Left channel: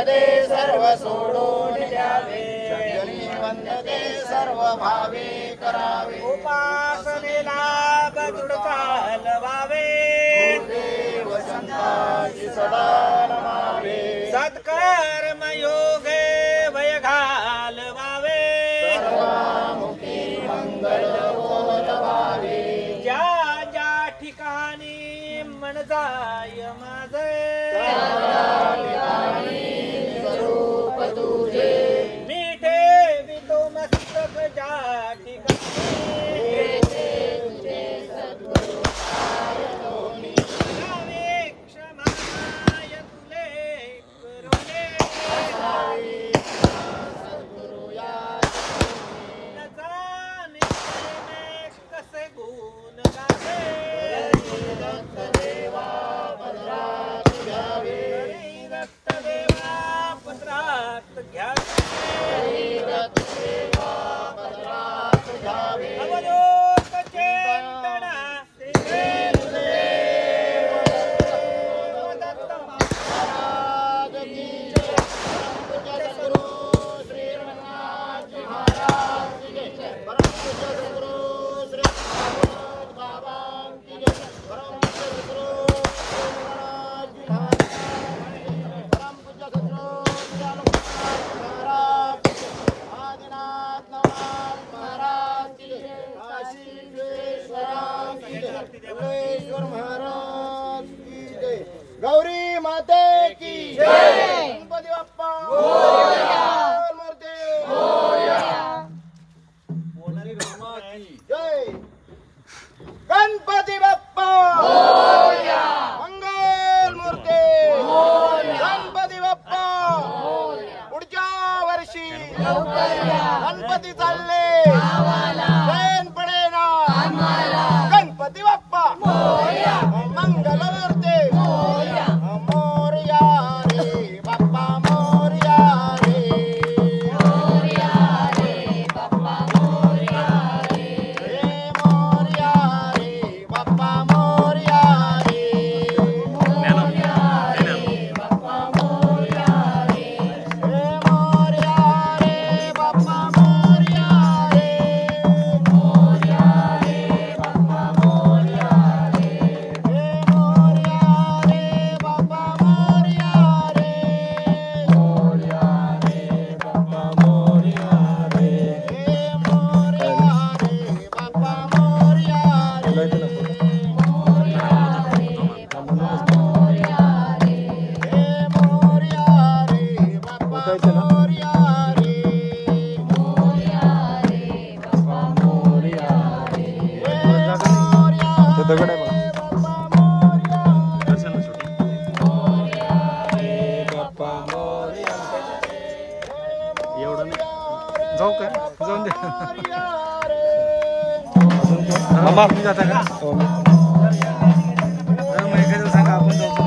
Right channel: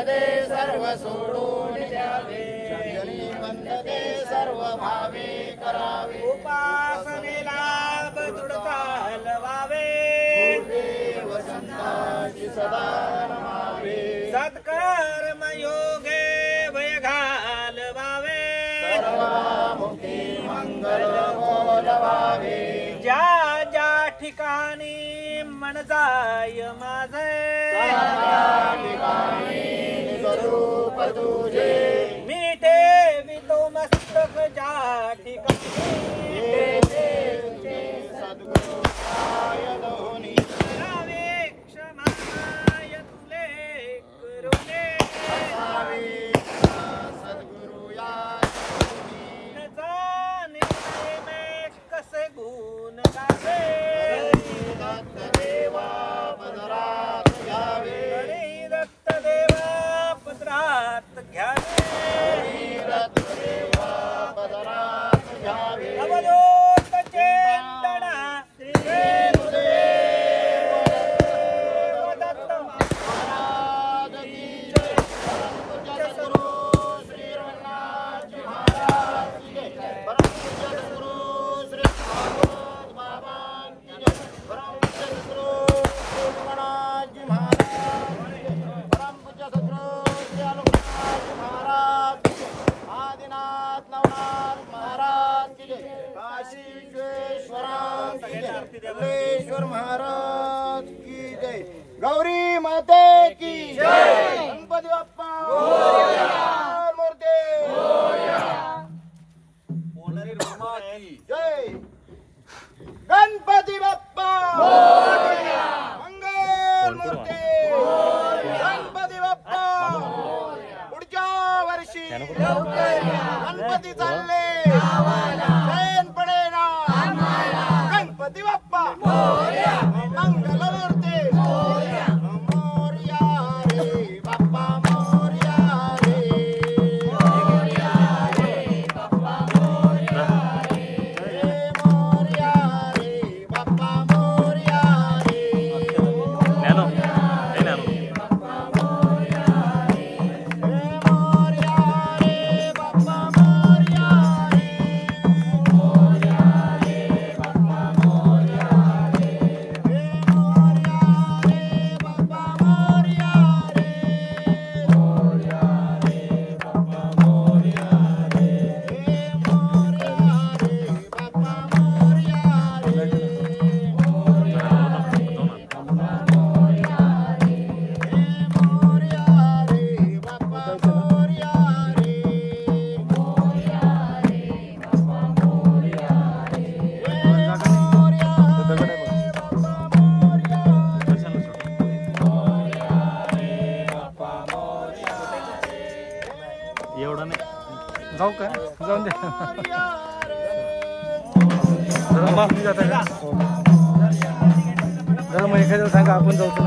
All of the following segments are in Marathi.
वंदते सर्व सोडून द्यावे, जनी वंदते सर्व भावे करावे, उपासनेला गरुड चालवावे, गुरुदेव संतांची सदा नमावे, सत्कर्म योगे भय घालवावे, सर्वामुखी मंगल बोलवावे, ज्या ज्या ठिकाणी मन जाय माझे, रूप तुझे मी ठेवितो मस्तक ज्या ठिकाणी, द्यावे क्षमाय तुले करुणे, न जाणे प्रेमे कसे गुण गावे, हरी दत्त देवा पदरात घ्यावे, अवधूत चेतना श्री गुरुदेव दत्त महाराज की जय, सद्गुरु श्री रघुनाथ जी महाराज की जय, परम पूज्य सद्गुरु श्री भागवत बाबा की जय, परम पूज्य सद्गुरु श्री रघुनाथ जी महाराज, परम पूज्य सद्गुरु श्री रघुनाथ महाराज, आदिनाथ नवनाथ महाराज की जय, काशी विश्वेश्वराम की जय, भुवनेश्वर महाराज की जय, गौरी माते की जय, गणपती बाप्पा मोरया, मूर्ती मोरया, जय गणपती बाप्पा मोरया, मंगल मूर्ती मोरया, गणपती बाप्पा पुढच्या वर्षी गणपती चालले जैन पडेना, गणपती बाप्पा मंगल मूर्ती मोरया रे बाप्पा, मोरया रे बाप्पा, मोरया रे बाप्पा, मोरया रे बाप्पा, मोरया रे बाप्पा, मोरया रे, जाऊ का जाऊन दे तुम्ही जाता का जरा मग एखाद्या सांगा आपण जाऊ का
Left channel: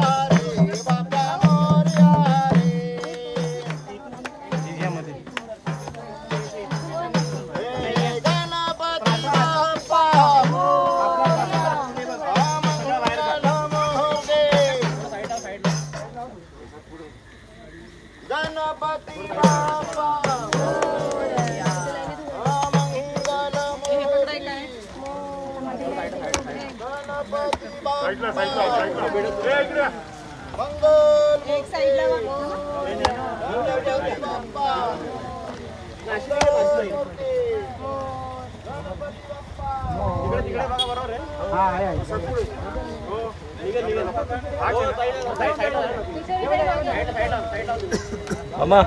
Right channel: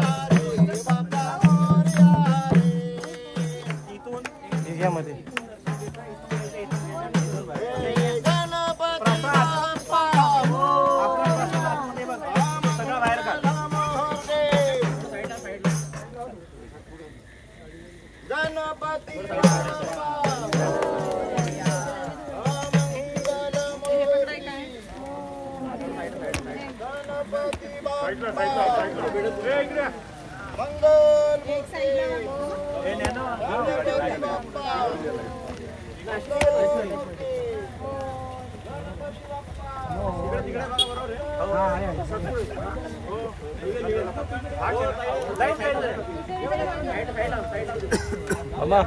अम्मा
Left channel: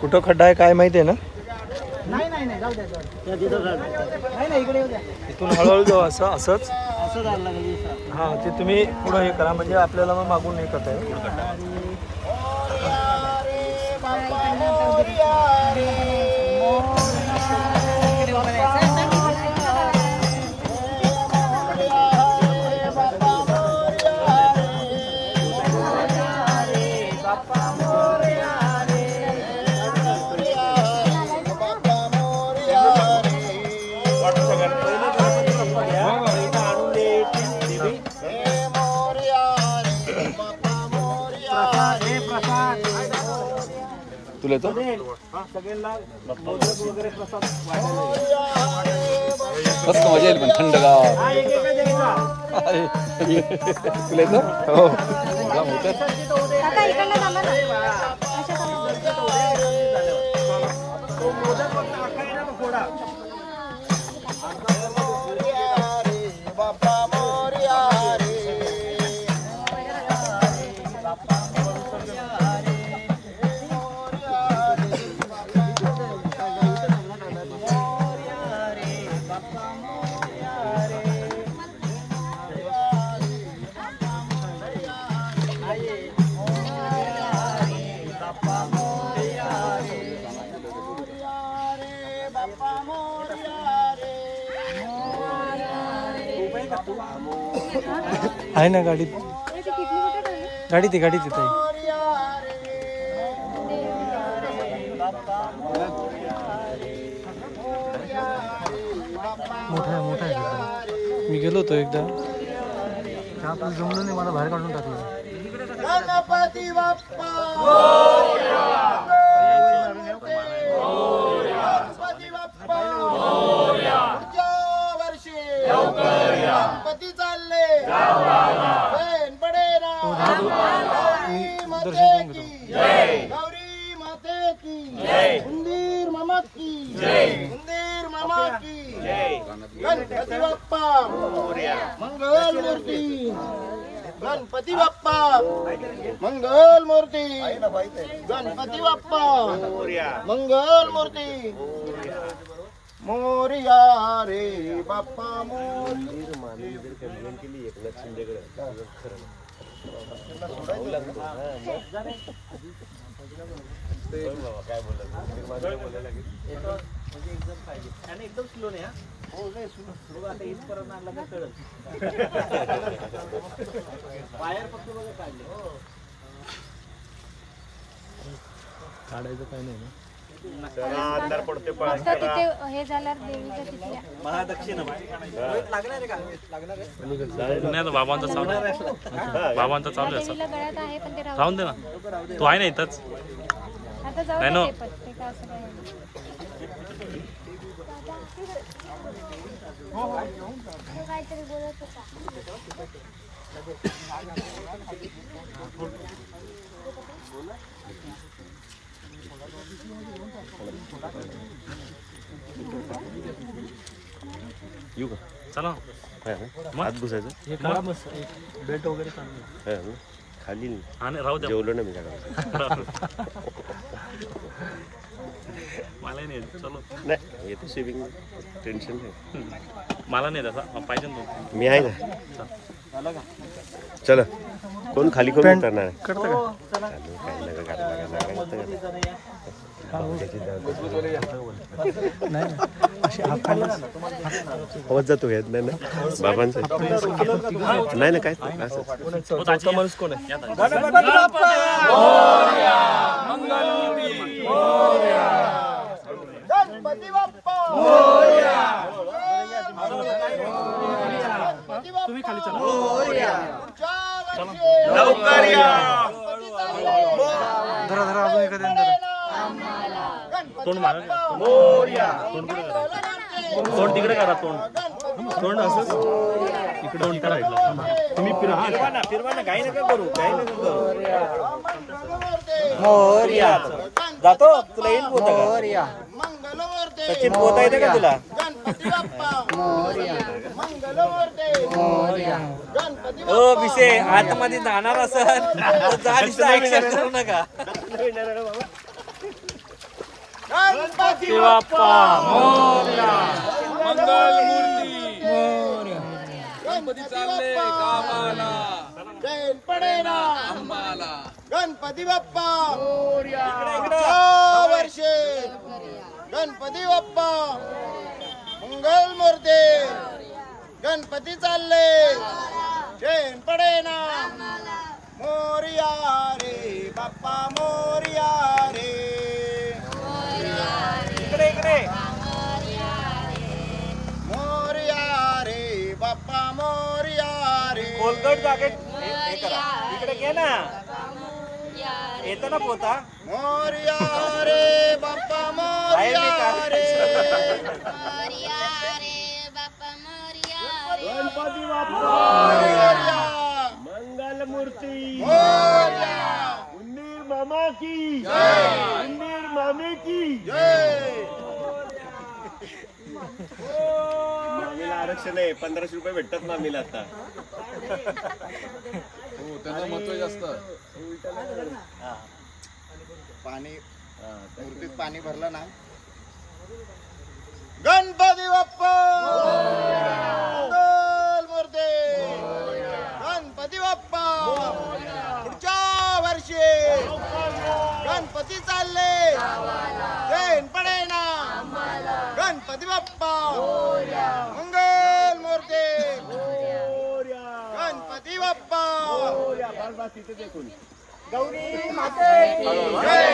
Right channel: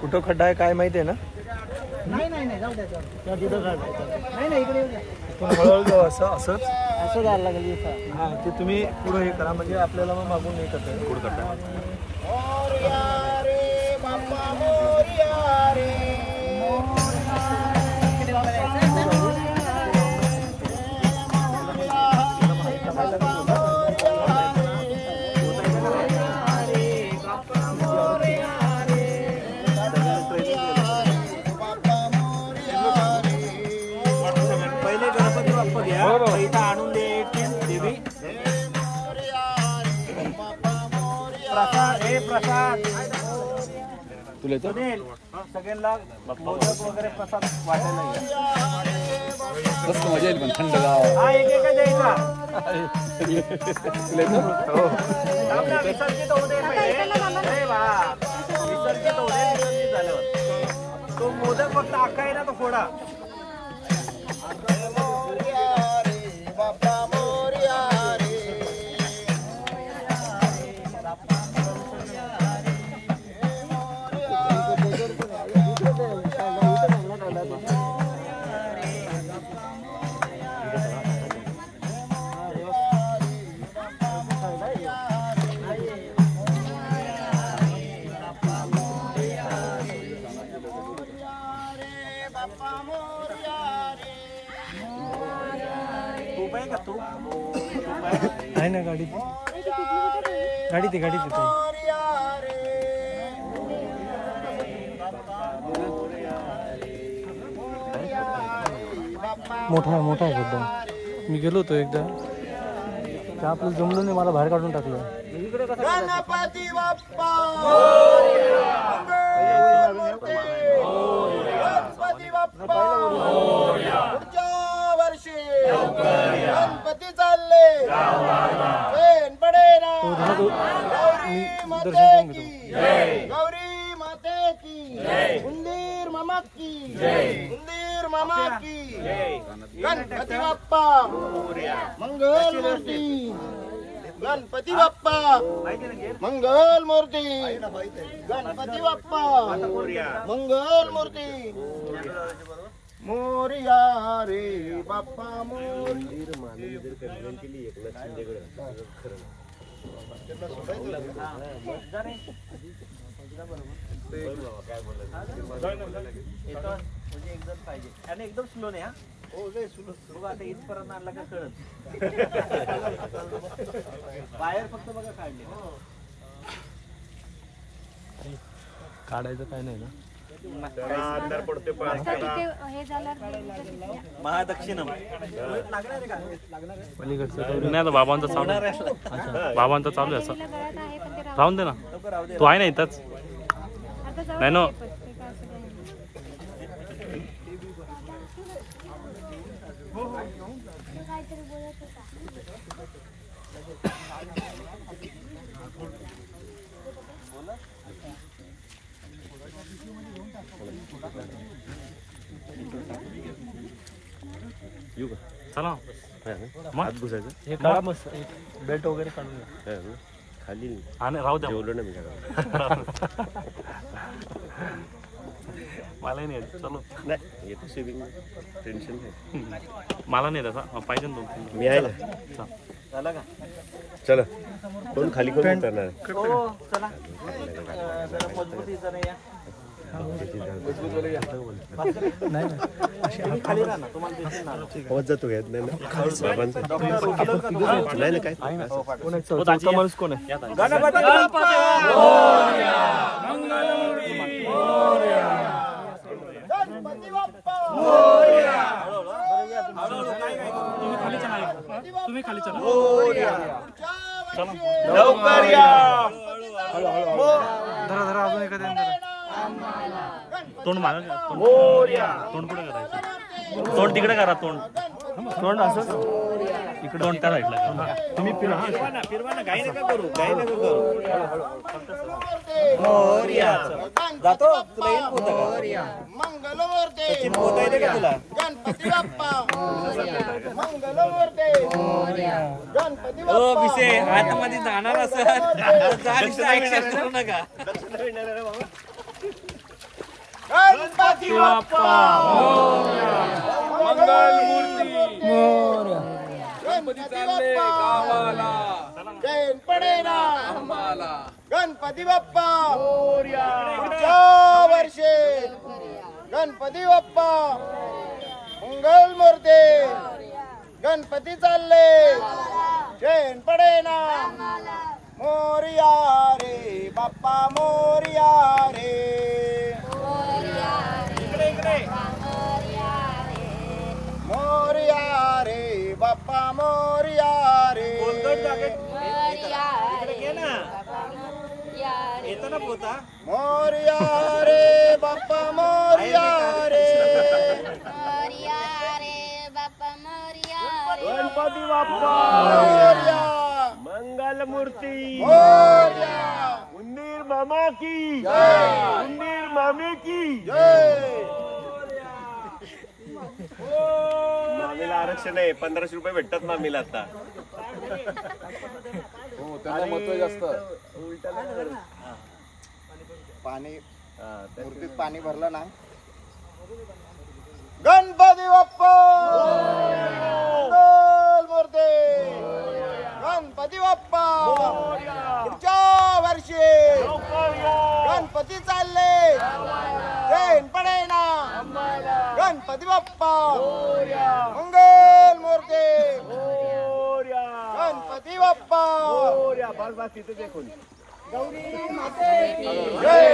कुठं खड्डा आहे काय माहिती आहे ना? नाही नाही नाही जाऊ द्या नाही नाही इकडे येऊ द्या. इथून हळूहळू जाऊ असं असंच असं झालं लागेल. हां ते तुम्ही पुढं हे करा म्हणजे आपल्याला मग मागून हे करता येईल पुढं खड्डा. तुला येतो सगळ्यांना मोदक वगैरे प्रसाद वाटायला मस्त मजा येईल पण थंड गावात हा एक एक द्यायचा तुला येतो विसर्जित होऊ दे पहिले. अरे वा. विसर्जित होऊ दे, विसर्जित झाल्यावर. तो मोदक फक्त अख्खा आहे ना तो फोडा. बाप्पा मोरया रे तूप आहे का तू आहे ना गाडीत गाडीत आहे मोठा आहे एकदम. मी गेलो होतो एकदा ते आपलं जमलं नाही मला बाहेर काढून टाकलं. गणपती बाप्पा गणपती बाप्पा पुढच्या वर्षी गणपती चालले ऐन पडे ना मी दर्शन करून घेतो. गौरी माते की उंदीर मामा की उंदीर मामा की गणपती बाप्पा मंगल मूर्ती गणपती बाप्पा मंगल मूर्ती गणपती बाप्पा मंगल मूर्ती मोरया रे बाप्पा म्हणजे एकदम पाहिजे आणि एकदम स्लो नाही. हा हो लय स्लो आता इथपर्यंत आणला का कळत. बाहेर फक्त बघा काढले. काढायचं काय नाही ना. हे झालं महादक्षिणा बाबांचा चालू आहे असं राहून दे ना तू आहे ना इथंच नाही ना चला हे काढा मस्त बेट वगैरे काढून खाली राहू द्या जेवलो ना मी काय मला नाही चलो नाही येतो सेविंग टेन्शन नाही मला नाही तसा पाहिजे ना तू मी आहे ना झालं का चला कोण खाली कोण उतरणार आहे? हो चला मजबूतीचं नाही नाही ना अशी हात खाली आवाज जातो यात नाही ना बाबांचा नाही ना काय माणूस कोण आहे गणपती बाप्पा गणपती बाप्पा तुम्ही खाली चला लवकर या धरा अजून एखाद्या तोंड मारा तोंड तिकडे करा तोंड असंच इकडे करायचं तुम्ही फिरा हा फिरवा घाई नका करू मोरया जातो तुला येईल पोता का सचिन पोता येते का तुला ओ विषय आतमध्ये जाणार असं करू नका गणपती बाप्पा गणपती बाप्पा वर्षे गणपती बाप्पा मंगल मूर्ती गणपती चालले चैन पडे ना मोरया रे बाप्पा मोरया रे इकडे मोरया रे बाप्पा मोरया रे कोलगट जागेत इकडे घे ना येतो ना पोता मोरया गणपती बाप्पा मंगल मूर्ती उन्नीर मामा की उन्नीर मामी की मामीला आरक्षण आहे 1500 रुपये भेटतात मामीला आता. पाणी मूर्तीत पाणी भरलं ना. गणपती बाप्पा मंगल मूर्ती गणपती बाप्पा पुढच्या वर्षी गणपती चालले जैन पडे ना. गणपती बाप्पा मंगल मूर्ती गणपती बाप्पा गौरी माते की जय.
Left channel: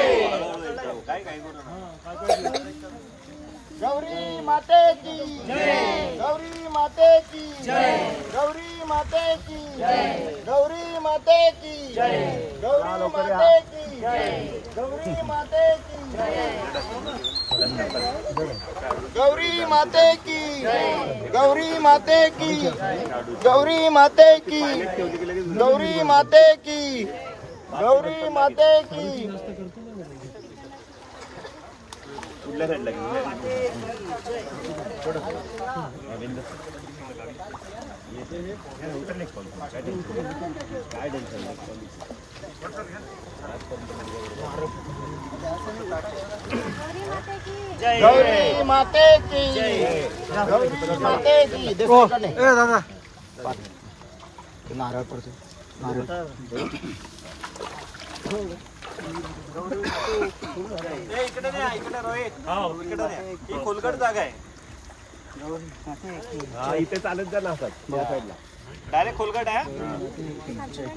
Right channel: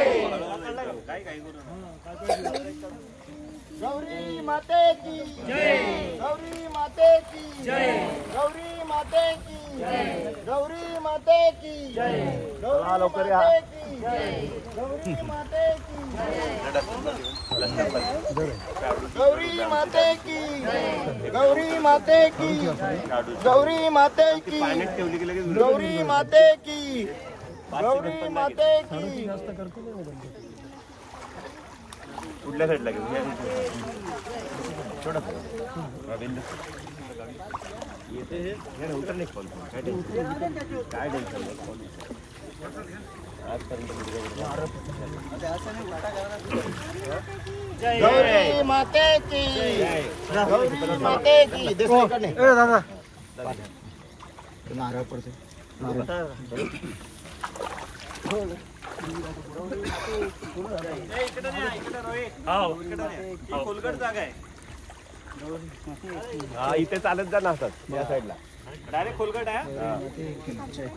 गौरी माते की जय. गौरी माते की जय. गौरी माते की जय. गौरी माते की जय. गौरी माते की जय. गौरी माते की गौरी माते की गौरी माते की गौरी माते की गौरी माते की गौरी माते की. कुठल्या साईडला गेली उतरले फोन काय टेन्शन नाही. आजपर्यंत गौरी माते की गौरी माते की. दादा नारळ पडतो. खोलगट जागा आहे. हा इथे चालत जा ना असं साईडला डायरेक्ट खोलगट आहे.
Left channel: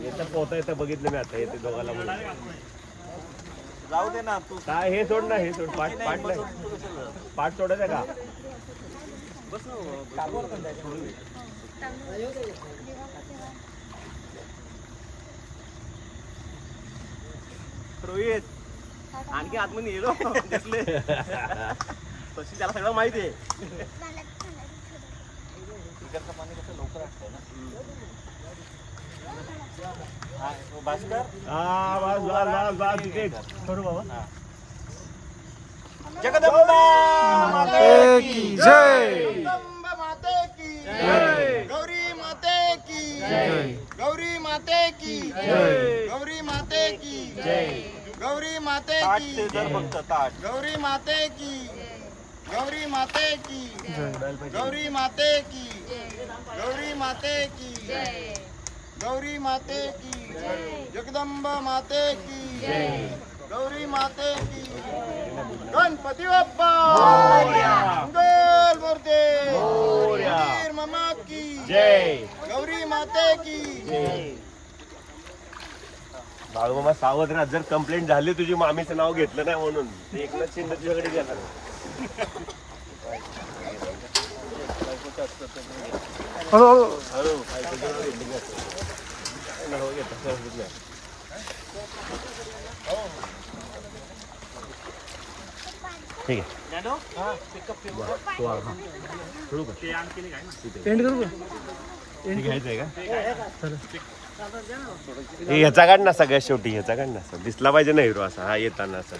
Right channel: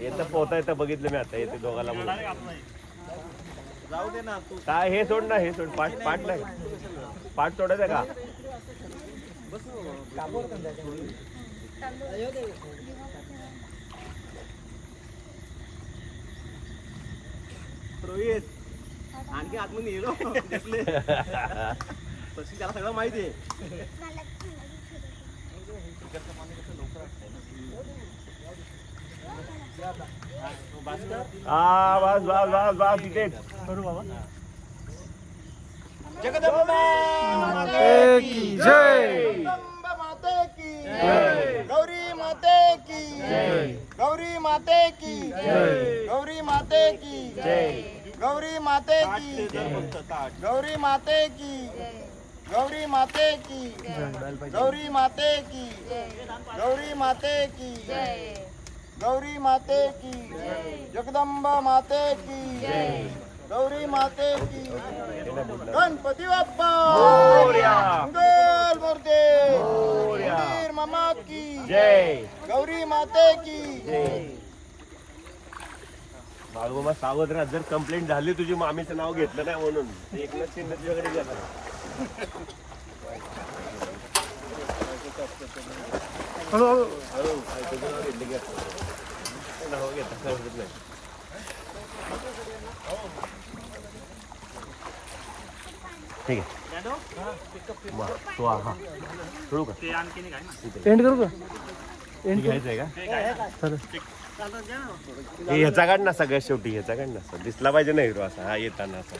येतं पोहता येतं बघितलं मी आता येते दोघाला म्हणून. जाऊ दे ना तू. काय हे सोड ना हे सोड पाठ नाही पाठ सोडायचं का. रोहित आणखी आतमध्ये येलो तशी त्याला सगळं माहिती आहे. हा बस बस बस बस तिथेच करू बाबा. जगदंबा माते की जय. जगदंबा माते की जय. गौरी माते की जय. गौरी माते की जय. गौरी माते की जय. गौरी माते की गौरी माते की गौरी माते की गौरी माते की गौरी माते की गौरी माते की जगदंबा माते की गौरी माते की. गणपती बाप्पा मंगल मूर्ती उन्नीर मामा की जय. गौरी माते की बाळूमामा सावध राहा. जर कंप्लेंट झाली तुझी मामीचं नाव घेतलं नाही म्हणून ते एकनाथ शिंदे तुझ्याकडे घेणार. नाव घेता समजत नाही. ठीक आहे एंड करू का. घ्यायचंय का ह्याचा काढ ना सगळ्यात शेवटी ह्याचा काढ ना दिसला पाहिजे ना हिरो असा हा येताना असा.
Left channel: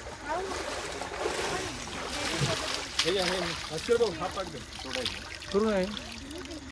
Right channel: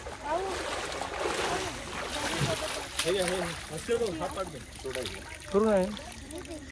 करू नाही